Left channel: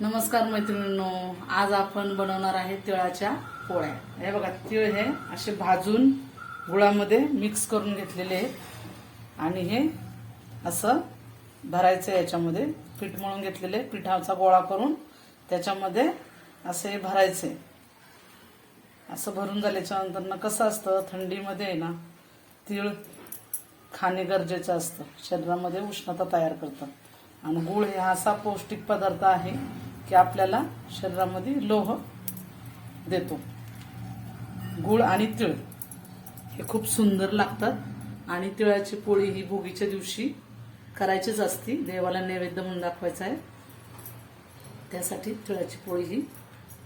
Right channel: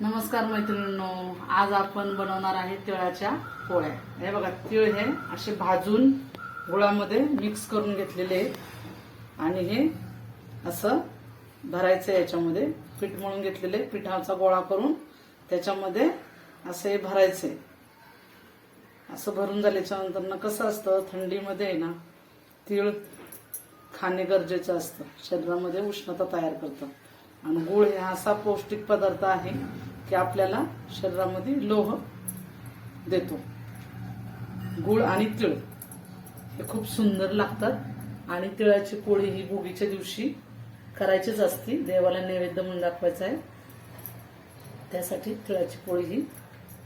नमस्कार मैत्रिणींनो, आज आपण बनवणार आहे तिळाच्या पोळ्या। हे बघा, तिळ हे असे भाजून गुळामध्ये मिक्स करून घेतलेले आहेत आणि हे असं भरायचं। याच्यामध्ये पीठ मळून घेतलेले पिठाचा गोळा करून त्याच्यामध्ये असे भरायचे। असं भरून झाल्याच्या नंतर कसं असतं, थंडीमध्ये ना तिळ खाणे गरजेचं असतं, शरीरामध्ये उष्णता तयार करतं। आणि गुळ हे असा पौष्टिक पदार्थ आहे की आपल्याला शरीरामध्ये लोह देतो। गुळ आणि तिळ हे खूप सुंदर लागतात आणि तिळाची पोळी ही भोगीच्या दिवशी करायचीच असते, देवाला नैवेद्य म्हणून दाखवायचा आहे। त्यासाठी तिळाची पोळी ही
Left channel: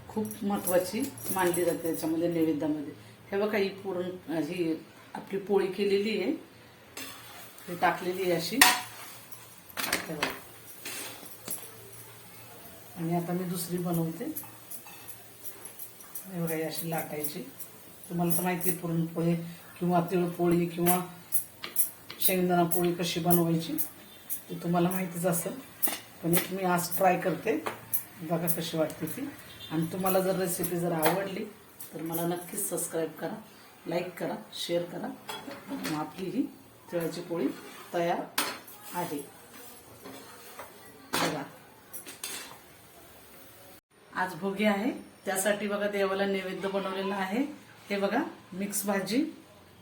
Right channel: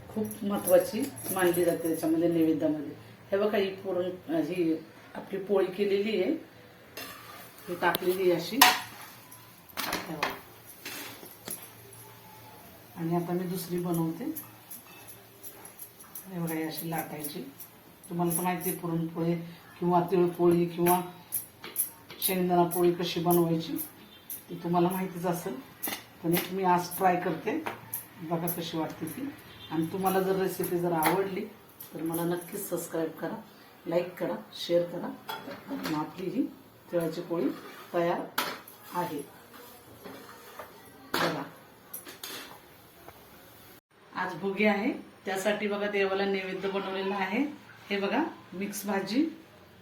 खूप महत्त्वाची मानली जाते त्याच्यामध्ये नैवेद्यामध्ये। हे बघा, ही पुरण ही आपली पोळी केलेली आहे, ही टाकलेली आहे अशी। आणि आता मी दुसरी बनवते। अशी लाटायची। तुम्हाला तर माहिती आहे पुरणपोळी किंवा तिळपोळी किंवा शेंगदाणा पोळी कशी बनवायची ती तुम्हाला माहितीच असेल, पण मी आज ट्राय करते, बघा कशी वाटते ती। आणि तुम्हाला जर रेसिपी जर आवडली तर मला नक्कीच सबस्क्राईब करा, लाईक करा, शेअर करा। आणि आपली ही तिळाची पोळी तयार आहे। बघा, आज भोगी आहे, त्यासाठी बघा देवाला नैवेद्य बनवलेला आहे। हे बघा, मिक्स भाजी,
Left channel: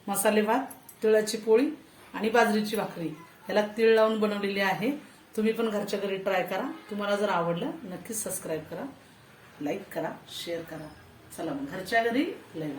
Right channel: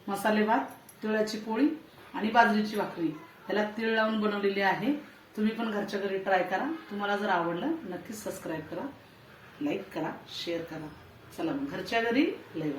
मसाले भात, तिळाची पोळी आणि बाजरीची भाकरी, याला तिळ लावून बनवलेली आहे। तुम्ही पण घरच्या घरी ट्राय करा। तुम्हाला जर आवडलं नक्कीच सबस्क्राईब करा, लाईक करा, शेअर करा। चला मग, घरच्या घरी लय